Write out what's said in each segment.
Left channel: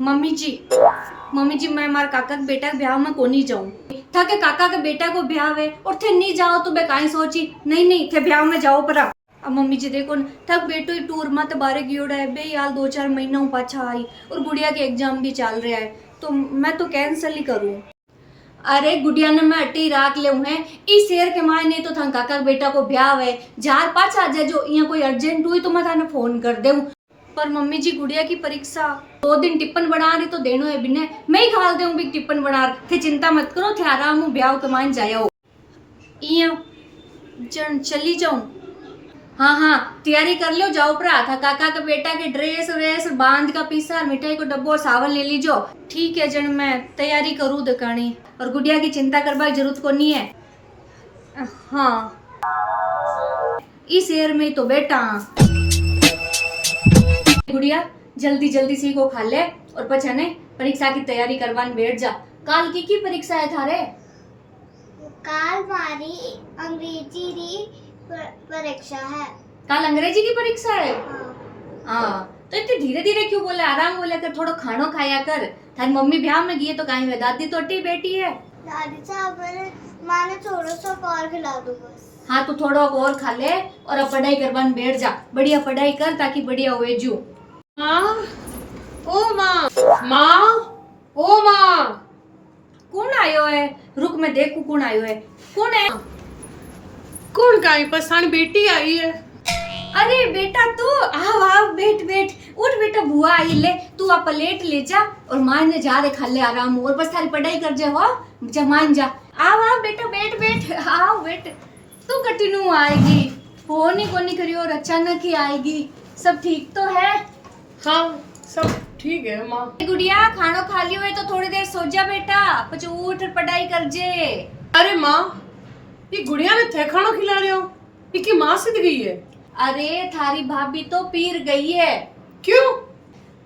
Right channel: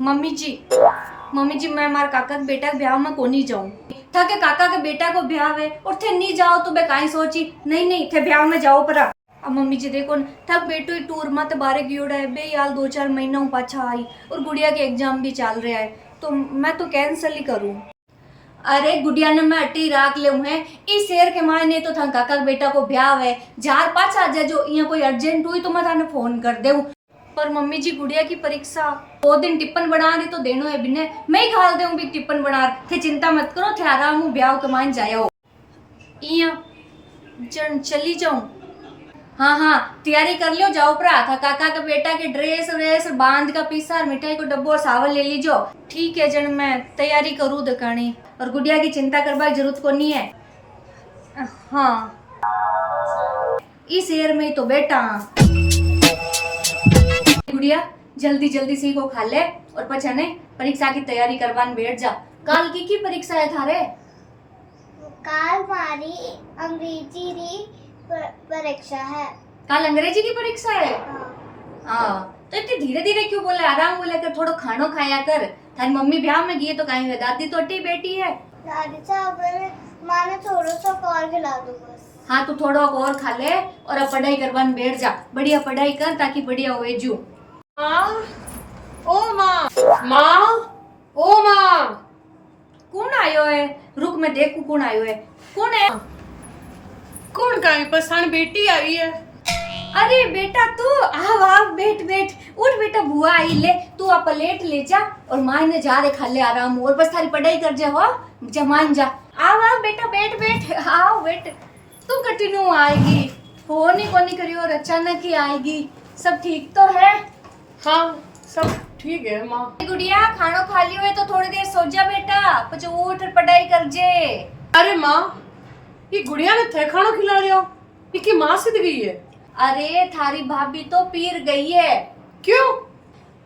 Mummy जी मैं मार काका के बेटा के ब्याह में को नहीं जाऊं। था के काका के बेटा को ब्याह है और थे नहीं जाओ तो मैं काई सोची नहीं थे ब्याह में जाओ पर अब मम्मी जी देखो न थक बेटो ही टूर में तो बारे गियोड़ा है बे यार 2-4 महीना पाछा आई और गुड़िया के एग्जाम भी चल रहा है तो मैं तो कैंसिल ही करूं। अरे गुड़िया ने मैं अट्टी राख ले है इस शेर के मायने तो था काका के बेटा को ब्याह है जार पाछा जा जो यहाँ कोई अर्जेंट हुई तो मैं थाने फोन कर दूं। पर मम्मी जी गुड़िया की परीक्षा 2 दिन टिप्पण बना रही तो देनो है बिने मैं ही खाल दूं भी टिप्पण बना थे चिंता मत करो थे आराम हूँ ब्याह के मान जाओ चली जाऊं। हाँ तैयारी कर लो जाओ भरा था काका के बेटा के ड्रेस व्रेस बांध का पीसा मिठाई को डब्बो सावन ले लीजो। ठीक है जन मैं तैयारी करूँ दकानी और गुड़िया की चिंता करवा की जरूरत को नहीं है। हाँ इस एयर में तो बेटा गुड़िया जल्दी सीखो खा ले और पछने परीक्षा की तैयारी करवाने बैठ जा। काल की परीक्षा है थारे? काल मारी अंग्रेजी री परीक्षा है। काल अंग्रेजी की परीक्षा है? हाँ। तो इतने धीरे धीरे क्यों बोला आराम बोला कर थोड़ा खानो खाया कर थारी मम्मी ब्याह में गई तो कहीं वे दादी तो अटी बैठी है। दादी साहब माँ ने थोड़ा सा और खिला दो बस। हाँ तो थोड़ा और खा ले और अब पढ़ाई करवाने बैठ जा बढ़िया पढ़ाई कर ताकि बढ़िया हो जू। माँ ओ माँ ओ माँ कौन आयो है? रुक मैं देखू कौन आयो है। कौन है? कौन काई पसाण बेटी आई है। अरे बेटा तू आव बैठ उठ बेटा बुआ आई ले तू आ प्लेट ले जा और मां ने जा रे खा ले आराम और बस थारी पढ़ाई कर जा हो जमान जा। आव बेटा बैठ आओ बैठ तू कटिनू आएगी फोन ही कोनी करियो और अचानक ही आएगी। सब ठीक तो है? हाँ सब ठीक है माँ। गुड़िया खानो खा लियो है तो थोड़ी देर सो जा बेटा पछ उठ पढ़ाई कर जे। अरे माँ ये गुड़िया ने थे खानो खिला रहे हो इसकी माँ सिद्ध गई है। अरे थारी भाभी तो पीर गई है। क्यों?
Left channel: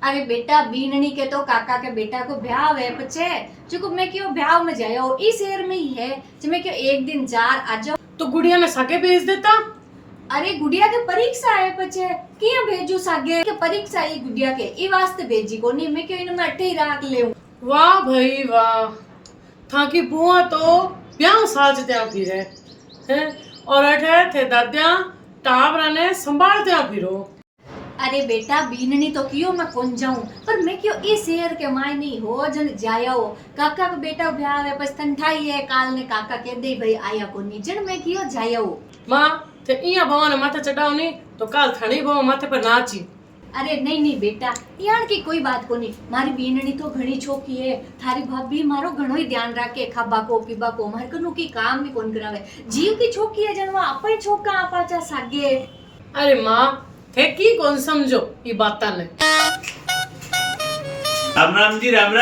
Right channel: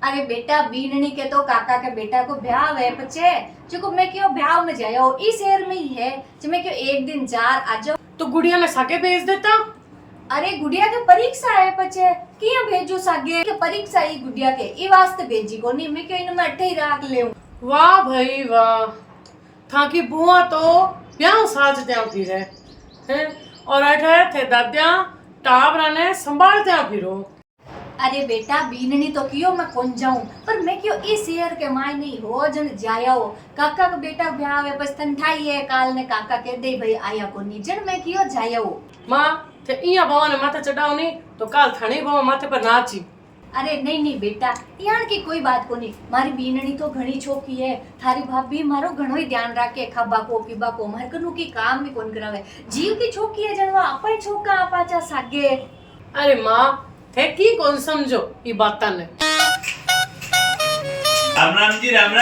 अरे बेटा बीननी के तो काका के बेटा को ब्याह है पचे जो मैं क्यों ब्याह में जाया इस शहर में ही है जो मैं क्यों एक दिन जार आ जाओ तो गुड़िया ने साके भेज देता। अरे गुड़िया के परीक्षा है पचे किया भेजू सागे के परीक्षा ही गुड़िया के ई वास्ते भेजी को नहीं मैं क्यों इन में अट्ठे ही राख ले। वाह भाई वाह था की बुआ तो ब्याह साज त्या फिर है और अठे थे दादिया टाबरा ने संभाल त्या फिरो। अरे बेटा बीननी तो क्यों मैं कौन जाऊं पर मैं क्यों इस शहर के माय नहीं हो जन जाया हो काका का बेटा ब्याह है बस ठंडाई है काल ने काका कह दे भाई आया को नहीं जन मैं क्यों जाया हो। माँ थे इया भवा ने माथे चढ़ाओ नहीं तो काल थाने भवा माथे पर नाची। अरे नहीं बेटा यहाँ की कोई बात को नहीं मारी बीननी तो घणी छोकी है थारी भाभी मारो घणो ही ध्यान रखे खाबा को पीबा को मार कनु की काम भी कौन करावे जीव की छोकी है जनवा अपन छोका आपाचा सागे। अरे माँ थे की कौन समझो ये बात ने। राम जी राम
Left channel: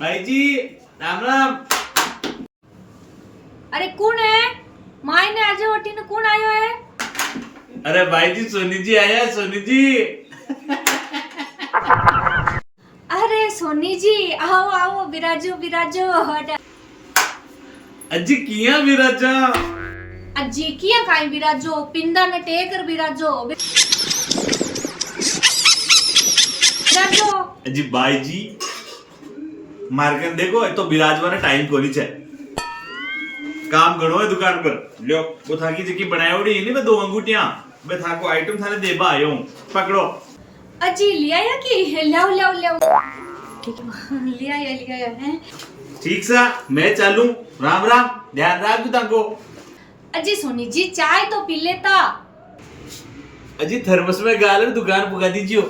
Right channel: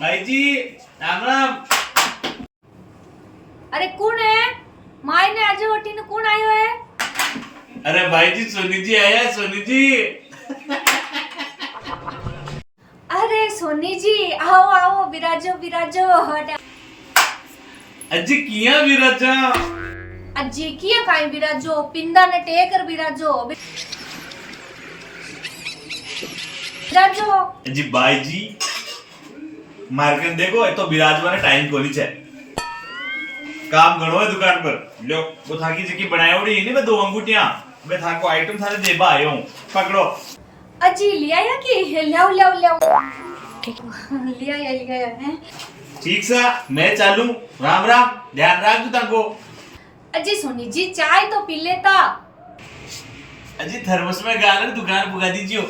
भाई जी राम। अरे कौन है? माई ने आज वटी ने कौन आयो है? अरे भाई जी सोनी जी आया सोनी जी। अरे सोनी जी आओ विराजो हटा अजी किया विराजा अजी किया काई विराजो पिंदा ने टेकर विराजो अजी भाई जी मार्केट देखो तो विराजवा ने टाइम को नहीं चाहिए काम गणो है दुकान पर लो वो थाकी जी की बनाया उड़ी नहीं मैं 2 अंगूठियां मैं थाको आइटम थारे देबा आयो हूं पकड़ो। अजी लिया या कि लाओ लिया है ठीक सा मैं चालू राम ध्यान रख तू ताको। अजी सोनी जी चाय तो पी लेता। अजी थर्मस में गालर दुकान पुगा दीजियो।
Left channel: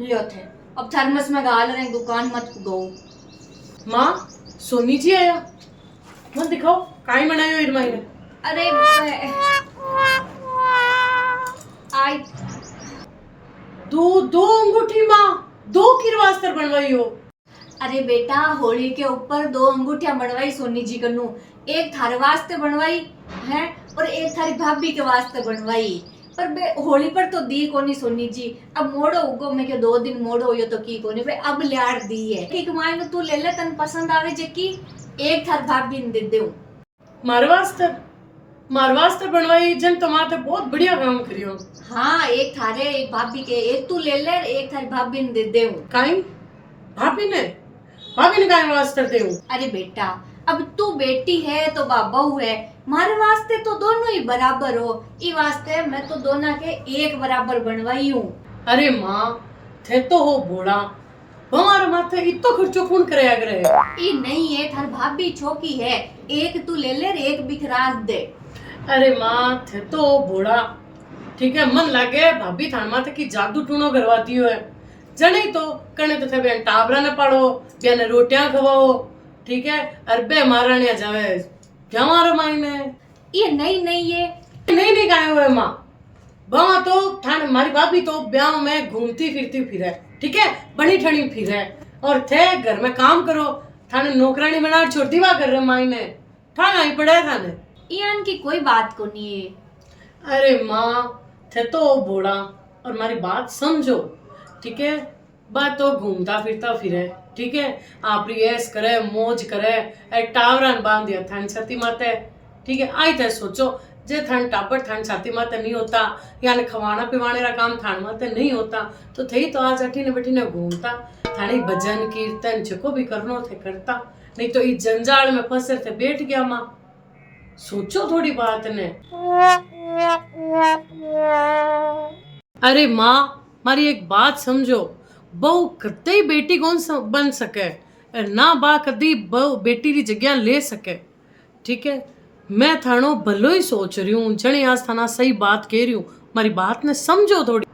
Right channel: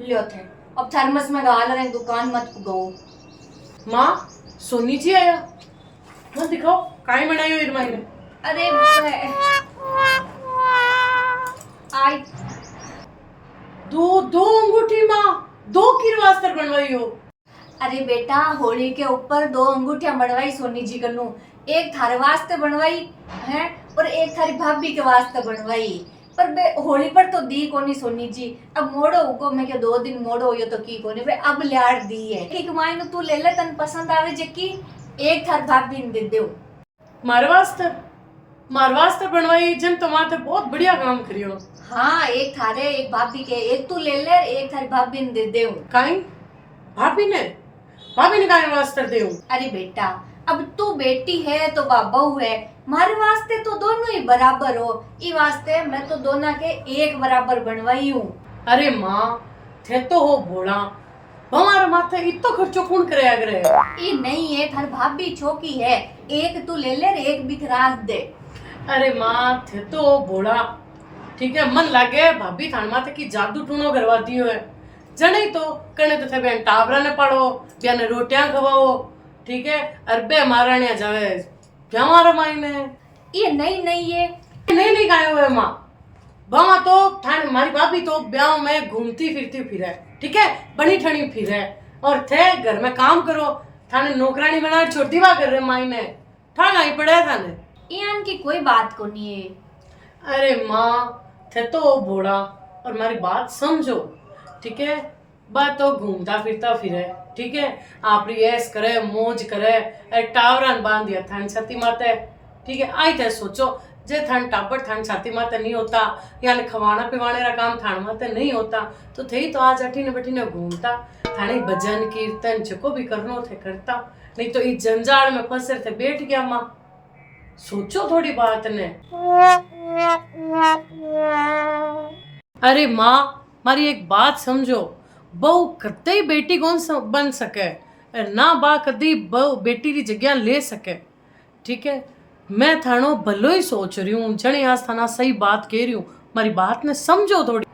लियो थे अब थर्मस में गालर है दुकान मत पुगाओ। माँ सोनी जी आया मत दिखाओ काई बनायो इर माई ने। अरे आई दो अंगूठी माँ 2 किरवास्तर बनवाई हो। अरे बेटा होली के ऊपर 2 अंगूठियां बनवाई सोनी जी कन्नू एक थारे वास्ते बनवाई है और एक थारी भाभी के वास्ते बनवाई पर बे होली पर तो दी कोनी सोनी जी अब मोड़ो उगो मैं के 2 दिन मोड़ो यो तो की कोनी बे अब लाड़ दी है एक मायनो तू ले ले तन पसंद आवे जे की एक थार भाभी ने दे देऊ मारे वास्ते मार वास्ते बनवाई जन तो माते बहुत बढ़िया काम करियो। हाँ, एक थारे एक भाभी के, एक तू ले ले एक थारी भाभी ने दे देऊ। काई भाभी ने काई वास्ते देऊ? अरे बेटा, अब तू बेटी है तो बहू है, मारे वास्ते तो दोनों ही बराबर हो, ई वास्ते मैं तो दोनों के एक बराबर बनवाई हूँ। अरे माँ थे तो हो बोला, हमारे माथे इतो खर्चो कौन कराया करे? ई नहीं है, थार भाभी छोकी है, एक तू ले ले एक बिखरास दे। अरे माँ थे तो हो बोला, ठीक है मन लागे भाभी थान माथे की जादू टूनो करवाती है, जने तो कने तो थे बेन टाबरा ने पाड़ो, बेन रोटियां खवाओ, ठीक है, अरबे मारने जावे क्या मारा मायने? ये नहीं नहीं खाए हुए माँ, वहाँ तो थाने मारी भाभी तो ब्याह में घूमती फिरती फिरे, ठीक है, बनी ठनी फिरे, और थे घर में काम करो, थाने नौकरानी बना छोड़ दीवा कर रहे मायने, ठा ही पड़े थाने। यान की कोई बात को नहीं है। अरे माँ थे तो बोला, और हमारी बात समझो, ठीक है, बात तो घूमता फिरता फिरे, ठीक है, आप ऐस करे मौज करे, एक टावरन बांध दिया थान छाती माते, ठीक है, आई थे सोचो जे थान टापर थान छाती माते नहीं होता, यानी खवाना पिवाने का काम थान माते नहीं होता, तो थे तो आज अठीने बैठीने घूमता, थाने भजन कीर्तन जो भी करनो थे करता, नहीं तो इस जंजाल में फंसे थे बैठ गया माँ। सोचो थोड़ी बात ने। अरे माँ मारी एक बात समझो, बहू कदे ही बेटी कौन बन सके, ना बा कदी बहू बेटी की जगह ले सके, ठीक है, मैं थानो भलो ही सोच रही हूँ, जने आज थाना सही बात कह रही हूँ, मारी बात ने समझो थोड़ी।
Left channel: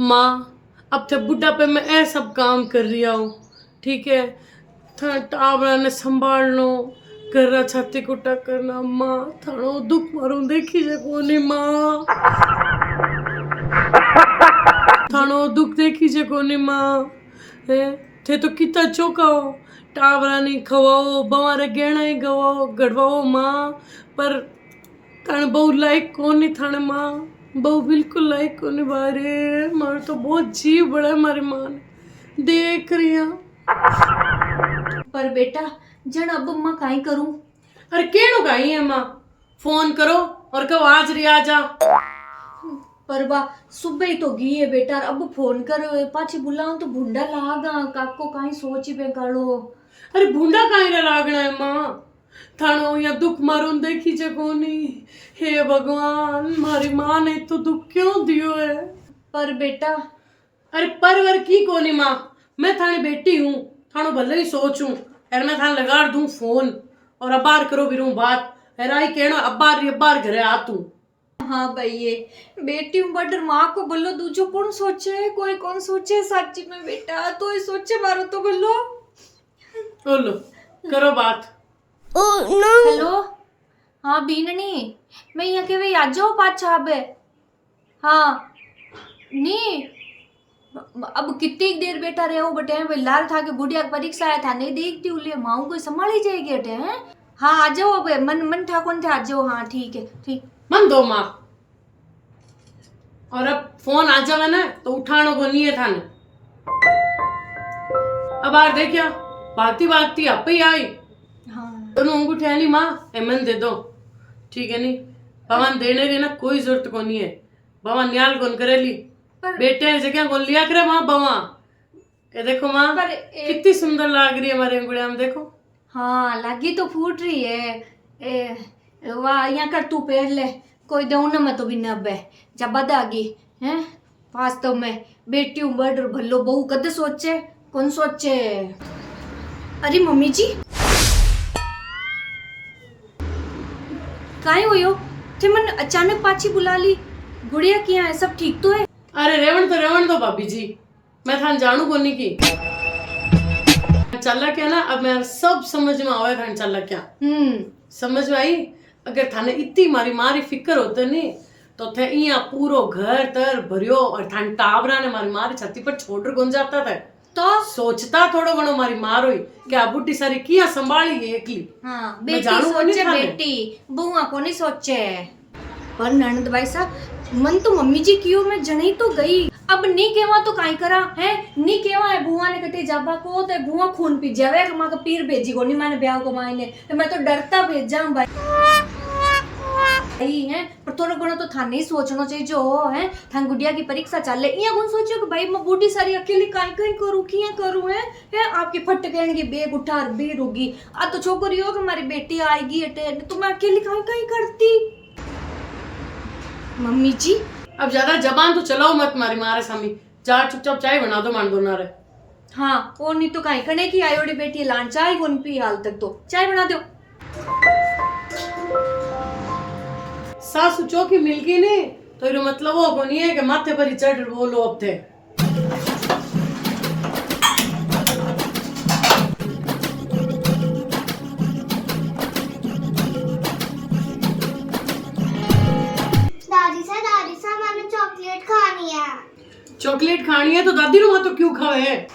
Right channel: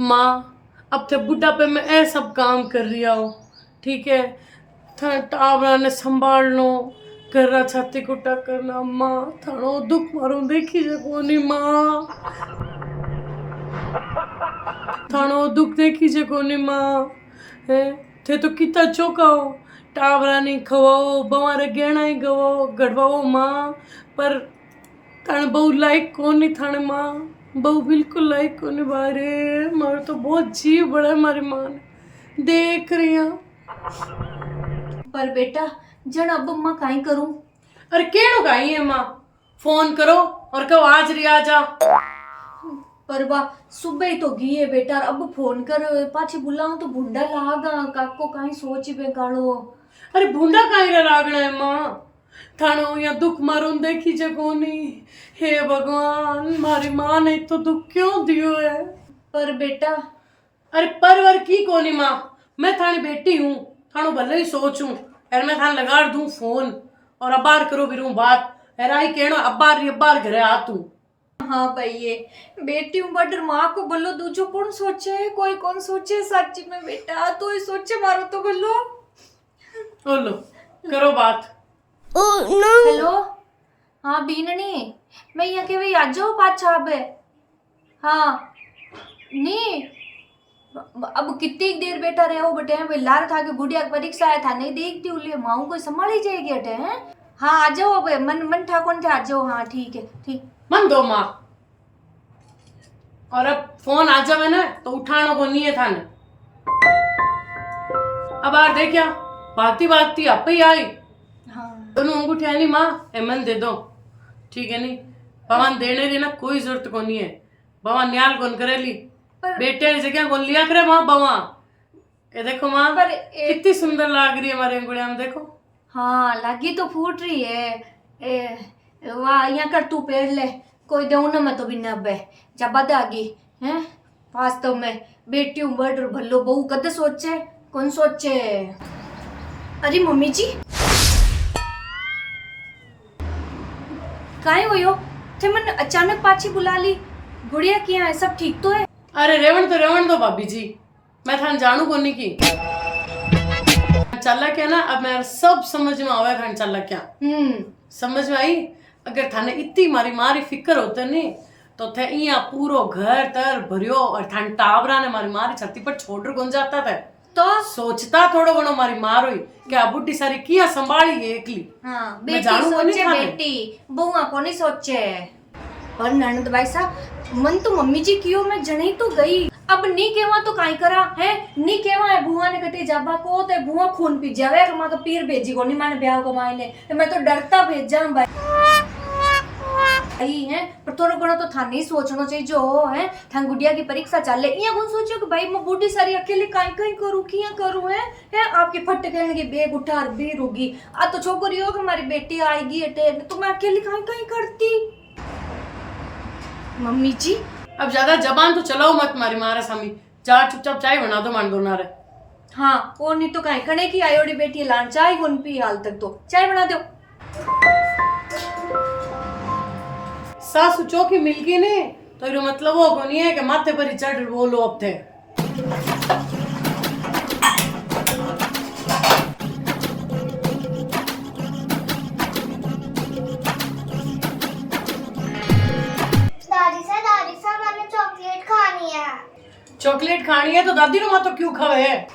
माँ अब थे बुढ़ापे में ऐ सब काम कर रही हूँ, ठीक है, था टावरा ने संभालनो, कर छाती कुटा करना, माँ थानो दुख मारू देखी जे कोनी माँ, थानो दुख देखी जे कोनी माँ, थे तो कितना चौकाओ, टावरा नहीं खवाओ, बवारे गहना ही गवाओ गड़वाओ माँ, पर थाने बहु लायक कोनी थाने माँ, बहु बिल्कुल लायक कोनी बारे, मारे तो बहुत जीव बड़ा है मारी माँ ने, देख रही हूँ। पर बेटा जन अब माँ काई करूं? अरे केड़ो काई है माँ, फोन करो और कहो आज री आ जा। पर बा सुबह ही तो गई है बेटा, अब फोन कर पाछी बुलाऊं तो भुंडा लागा, काको काई सोची बेकालो। अरे भूंडा काई रे लागना है माँ, थानो या दुख मारून देखी जे कोनी, हे भगवान मारी माँ ने तो दुख क्यों दियो है? पर बेटा, अरे परवर की कोनी माँ, मैं थानी बेटी हूँ, थानो भले ही सोचूं, यार मैं थाने लगा दूं फोन और अबार करो भी रूं बात, आई कहना अबार घरे आ तू। हाँ भाई ये बेटी हूँ बट माँ को बोलो दूजो कौन सोचे, कोई कौन सोचे सच्ची में बेटा, तो ही सोचे मारो तो बोलो। बोलो करो बात। हेलो हाँ बीननी, मैं यहाँ के भाई आ जाओ पाछा अब। हाँ नहीं अब कितनी देर बेटा रहे हो बटे, भाई लार था के गुड़िया की परीक्षा आया था, नहीं देखती हूँ लिए माँ को संभाल ही जाएगी अटे हैं। हाँ आ जाओ अब, मन ठाकुर थे आ जाओ, हाँ ठीक है ठीक। मन दो माँ, और अब फोन आ जावे ना तो उठानो को नहीं है थाने। अब आर देखिया भागती आप ही आई, हाँ दोनों अंगूठे नहीं माँ, मन दे दो, ठीक है नहीं, भगवान देने की ना कोई जरूरत को नहीं है, भगवान न्याल कौन करेली, बेटे जगह कौन लिया करे माँ बवा। ये देखो माँ कितनी सुंदर लाग रही है हमारे अंगुड़िया में, देखो। हाँ लागी तो फूट रही है, वाह यहाँ कर तू पेड़ ले, कोई दो ना मैं तो भी नब है जब बदागी हैं, वास्तव में बेटी बढ़ भलो बहू कदे सोचे कौन सोचे। अरे मम्मी जी काहे हो यो, थे मन अचानक पाछी बुला ली, गुड़िया किया है, सब ठीक तो है? अरे रेवण दो भाभी जी, मैं थान जानू कोनी की चला क्या ना, अब मैं सब समझ में आवे थान चला क्या। समझ में आई, अगर थाने इतनी मारी फिक्र होते नहीं तो थे यहाँ पूरो घर तर भरियो, और थान टावरा ने मारी छाती पर छोड़ कौन जाता था, तो सोचता थोड़ो घणो मारी मारो ही क्या बुढ़ी सारी किया संभाली है एकली। हाँ बेटी सोचे, बेटी बुआ को नहीं सोचे। पर ननद भाई साहब मन तो मम्मी जी कियो मैं जने तो गई, अब नी केवा तो काई करा है, नी केवा है बुआ ने कटी जाबा को तो बुआ खून पी जावे कि मां का पीर भेजी को नहीं माने ब्याह को मायने, तो मैं तो डरता भेजा भाई है। पर थोड़ा घणो तो थाने ही सोचना चाहिए जो है, थान गुड़िया की परीक्षा चले इया कौन सोचो कि भाई मैं बूढ़ी सारी अकेली काई काई करूं किया करूं है आपकी फट कहने की बेग उठा बीर होगी आ तो छोकरी हो कि हमारी बेटी आएगी अटे तो मैं अकेली काई काई करती। मम्मी जी अब ज्यादा जबान तो चलाओ मत मारी मारे सामी, जा चुपचाप चाय बना दो मान दो ना रे। हाँ वो नहीं तो काई कने की आयोड़ी बेटी लान चाय कौन पी हाल तक तो चाय बना दो। सासू चौकी मिल गई ने तो ये मतलब वो को नहीं है कि माथे पर ही चढ़ बोलो अब थे। दादी सा मैंने चॉकलेट खानी है। चॉकलेट खानी है तो दादी रो मां तो क्यों खावे है?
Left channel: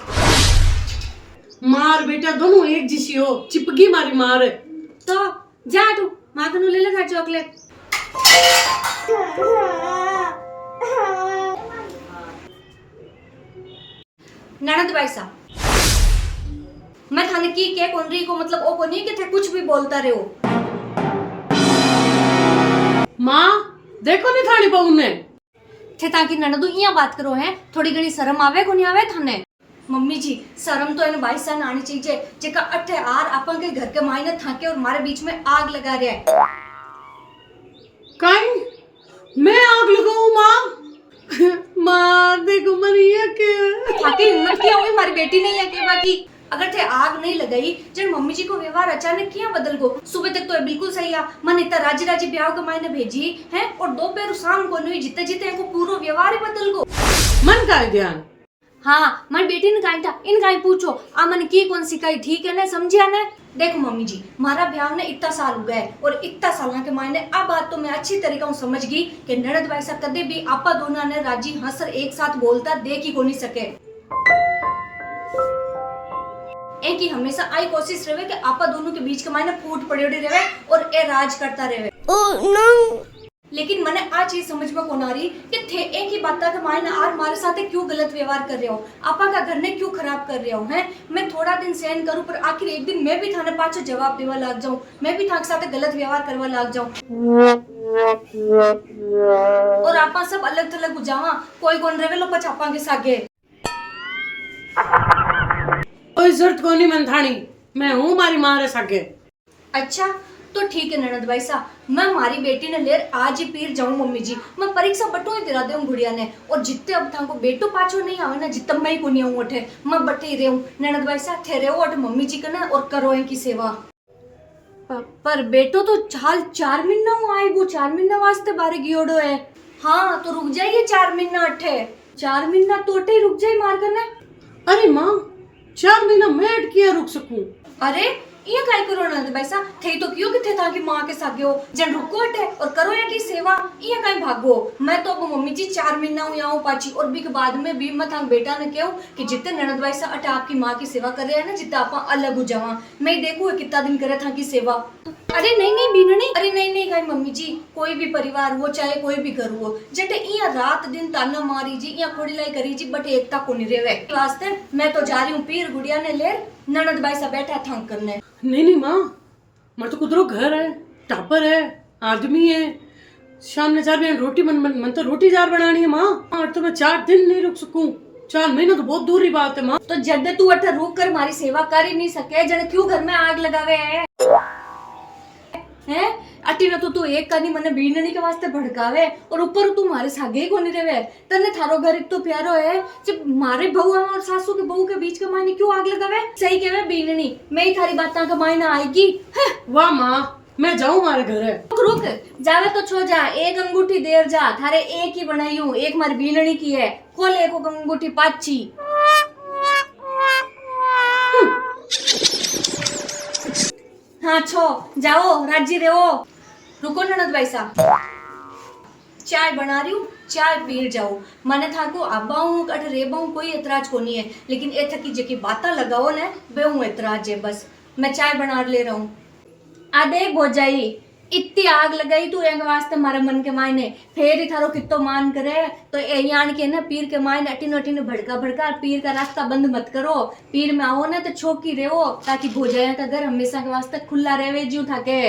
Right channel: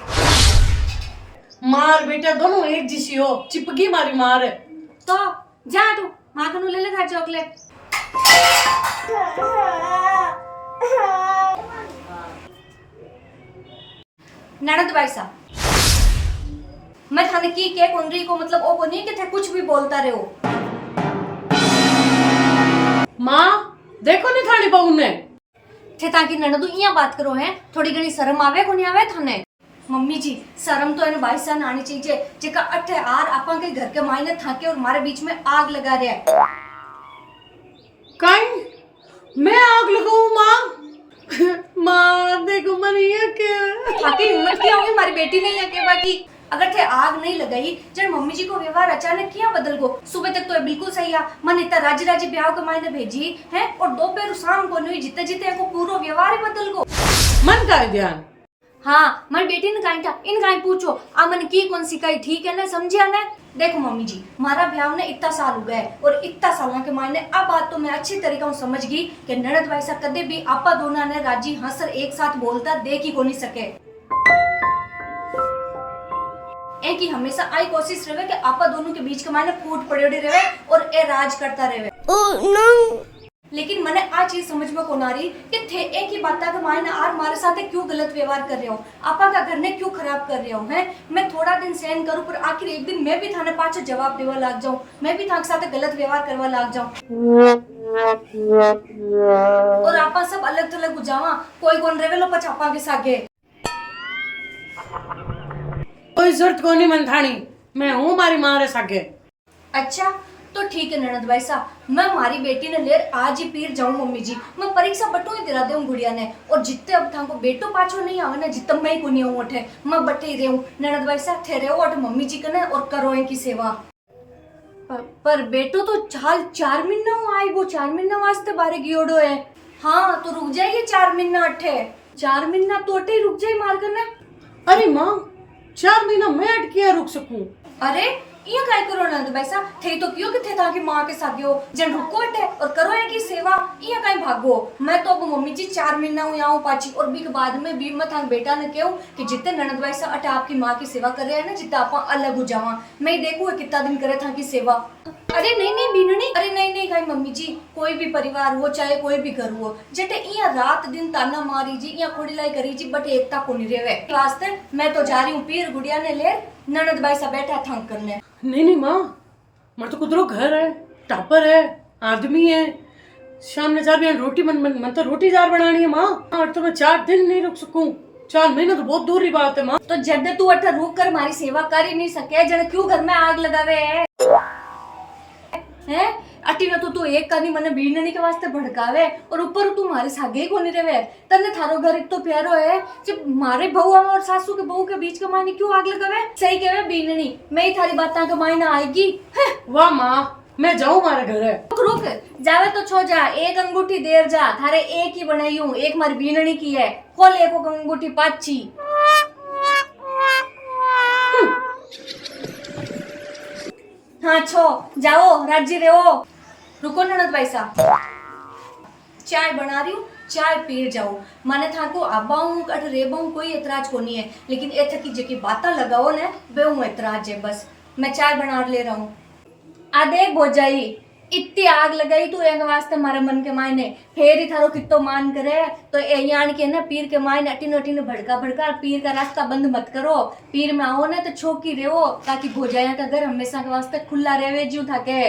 मार बेटा दोनों एक जिसी हो, चिपकी मारी मार है। तो जा तू मां कनु ले ले खा चॉकलेट। ननद भाई साहब मैं थाने की के कोनरी को मतलब ओ को नहीं कि थे कुछ भी बोलता रहे हो। मां देखो नहीं थानी पाऊ ने थे ताकि ननदू इया बात करो है, थोड़ी घनी शर्म आवे को नहीं आवे थाने। मम्मी जी शर्म तो इन भाई सान आनी चाहिए जेका अठे आर अपन के घर के मायने थाके और हमारे बीच में आग लगा रहा है। काई मैं आग लगाऊं मां? मां देखो मरिया के थाकी हिम्मत क्या हुई हमारी बेटी ने या के बाकी अगर थे आग नहीं लगाई जब मम्मी जी को व्यवहार अचानक किया बदल गो। सुबह तक तो ये बिल्कुल सही है, मन इतना राजी राजी ब्याह के मायने भेजी है और दोपहर शाम को नहीं जिते जिते को पूरा व्यवहार ही बदल गो। मन का है ध्यान। हाँ मारी बेटी ने कहा था इन गाय पूछो आ मन की कौन सिखाई ठीक है ना समझिया ना। देखो मम्मी जी मारा ब्याह ने इतना साल हो गए और इतना साल के मायने अब बात तो मैं अच्छी तरीका से समझ गई कि ननद भाई सा कदे भी आपा दोनों ने राजी हंसर एक साथ बोलता देख ही को नहीं सके। एक ही हमेशा आई कोशिश रहे कि आपा दोनों के बीच के मायने फूट पड़े रहे और ए राज करता रहे। लेकिन मैंने आ चीज समझ में कौन आ रही कि थे एक ही बात के मायने आर मारे साथ क्यों गलत व्यवहार कर रहे हो, आपा का घर ने क्यों खराब कर रहे हो हैं। मैं थोड़ा दिन सहन करूं पर आखिर एक दिन मैं भी थाने पाछो जवाब देवा लाग जाऊं, मैं भी थाके साथ गलत व्यवहार करवा लाग जाऊं और आपा सब अलग थलग हो जावा कोई कौन रेवे लो पछापा के सागे। कोई जरूरत को नहीं मन थानी, मैं हूँ मारी मां रे सागे। अच्छा तो ठीक है ननद भाई साहब मैं हमारी बेटी ने लेर आज ही पीर जाऊं मम्मी जी, मैं परीक्षा बटू ही दिला दूं गुड़िया ने और जितने अब था को बेटो पाछो नहीं आवे ना जितना मैं ही को नहीं आऊं उठे मैं बटे ही रहूं। ननद भाई साहब थे रहो अट मम्मी जी कने और करो इनकी सेवा। पर बेटो तो हाल 4 महीना आए वो 4 महीना वास्ते बारे गियोड़ो है। हाँ तो रुक जाइए 4 महीना अठे 4 महीना तो अठे रुक जाए मार करना। अरे माँ 4 महीना मैं अटकिया रुक सकूं? अरे ये काय करो नंद भाई साहब थे तो क्यों कि थे ताकि माँ के सागे हो जन रुको अटे और करो है की सेवा ये काय भागो। मैं तो अब मम्मी जी 4 महीना हूँ यहाँ पाची और भी के बाद में भी मैं थांग बेटा ने कहूँ कि जितने ननद भाई साहब अटे आपकी माँ की सेवा कर रहे हैं ना जितना आप अलग हो जावा मैं देखू कितना दिन करे था की सेवा। अरे नहीं बीनू नहीं, अरे नहीं गाय मम्मी जी कोई भी परिवार हो चाहे कोई भी घर हो जटे इया रात दिन ताना मारी जी इया खोड़ीलाई करी जी बट एकता को नहीं रेवे वास्ते मैं तो जा रही हूँ पीर गुड़िया ने ले ननद भाई सा बैठा थंग करने। नहीं माँ मेरे तो कुदरो घर है टापर है आदमी है शाम ने 4 बजे रोटी मन तो रोटी जार बनानी है माँ और तो मैं 4 दिन नहीं रुक सकूं 4 महीने तो बहुत दूर की बात है माँ। तो जब तू अठा रुक कर हमारी सेवा कर ही नहीं सके जन क्यों घर में आग लगावे है अटी न तू एक कनी मने बीननी के वास्ते भड़कावे और ऊपर तू मारे सागे ही कोनी रेवे तने थारो घर इतो प्यारो है जब मारे बहू और सासू के बहू के बीच के मायने क्यों आग लगावे। सही कहवे बीननी मैं ही थारी बातां के मायने आएगी। वाह माँ मैं जाऊं मारे घर है। रुक जावे तो छो जा एक अंगूठी देर जा थारे एक ही बनाई हूँ एक मारी बीननी की है खोल एक अंगूठी पाची। हाँ छो जाओ राजी रहो। रुको ननद भाई साहब चाय बना रही हूँ चाय पी जाओ माने था को आबाऊं अठ रेबाऊं कोई एतराज को नहीं है लेकिन ए थकी जेकी बाता लगाओ ने बे हूं एतराज है बस मैं चाय बना ले रहा हूँ। आ देख भोजाई इतनी आग लगाई तू एक वास्ते मारे मन के मायने फेर ही थारो कितो मान करे तो ए यान के ना पीर के मायने अटिन अटिन भड़का भड़का पीर का रास्ता बंद मत करो। पीर में आओ ना तो छोकी रहो ताकि भोजाया का घर हमेशा के वास्ते खुला रहे जीव थाके।